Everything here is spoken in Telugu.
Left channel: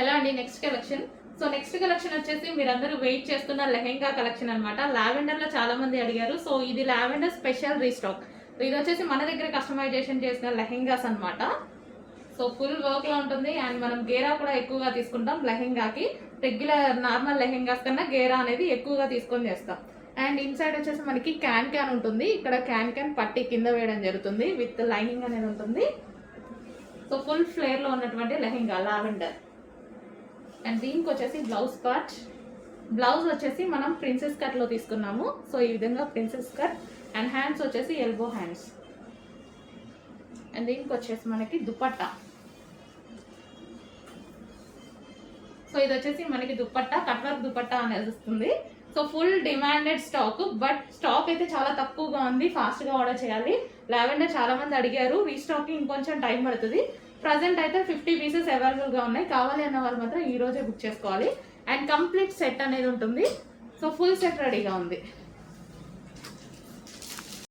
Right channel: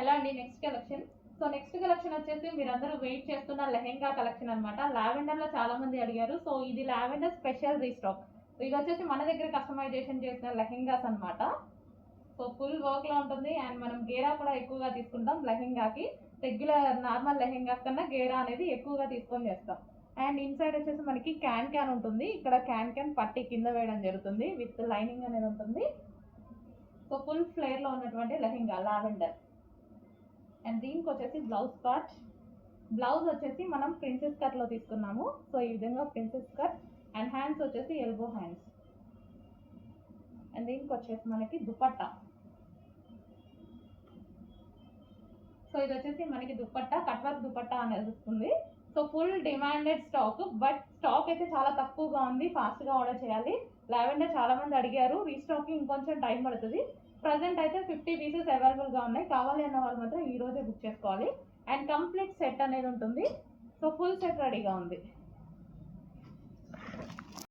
హలో అండి, next collection. So next collection వచ్చేసి మీరందరూ వెయిట్ చేస్తున్న లెహెంగా కలెక్షన్ అనమాట. లావెండర్లో చాలా మంది అడిగారు. సో ఇది లావెండర్ స్పెషల్ రీస్టాక్. ఇది వచ్చేసి మన దగ్గర కస్టమైజేషన్ చేసిన లెహెంగాస్ అనమాట. సో ఫుల్ వర్క్లో ఉంటుంది అండ్ మనం గేరా కూడా ఎక్కువగా తీసుకుంటాం. లెహెంగాకి రెగ్యులర్ నార్మల్ లెహెంగాస్ కన్నా గేరా అనేది ఎక్కువగా తీసుకొని చేస్తాం. అండ్ ఇన్సైడ్ వచ్చేసి మనకి క్యాన్ ఉంటుంది. ఇక్కడ క్యాన్ పట్టి కింద వేయడం జరుగుతుంది. విత్ లైనింగ్ అనేది ఉంటుంది. సో ఫుల్ ఫ్లేర్లో ఉన్నటువంటి లెహెంగా లావెండర్. అండ్ దీనికి వచ్చేసి బ్లౌజ్ పార్ట్. బ్లౌజ్ వచ్చేసి మనం ప్రిన్సెస్ కట్లో తీసుకున్నాము. సో ఈ విధంగా ప్రిన్సెస్ కట్. అండ్ హ్యాండ్స్ వచ్చేసి ఎల్బో హ్యాండ్స్. అండ్ దీనికి వచ్చేసి మనకి దుపట్టా. సో ఇది వచ్చేసి మనకి దుపట్టా, కట్ వర్క్ దుపట్టా అనేది వస్తుంది. So full demanded stock, but stock అయితే చాలా తక్కువగా ఉంది. ఫాస్ట్గా ఆర్డర్ చేయాలి. లావెండర్ చాలా మంది అడిగారు. రీస్టాకింగ్ ఇంకొంచెం టైం పడుతుంది. ప్రజెంట్ అయితే 50 పీసెస్ అవైలబుల్గా ఉన్నాయి. కావాలి అన్న వారు మాత్రం ఈ రోజే బుక్ చేసుకోవాలి. అండ్ కంప్లీట్ సెట్ అనేది ఉంటుంది. సో ఫుల్ సెట్ రెడీగా ఉంది.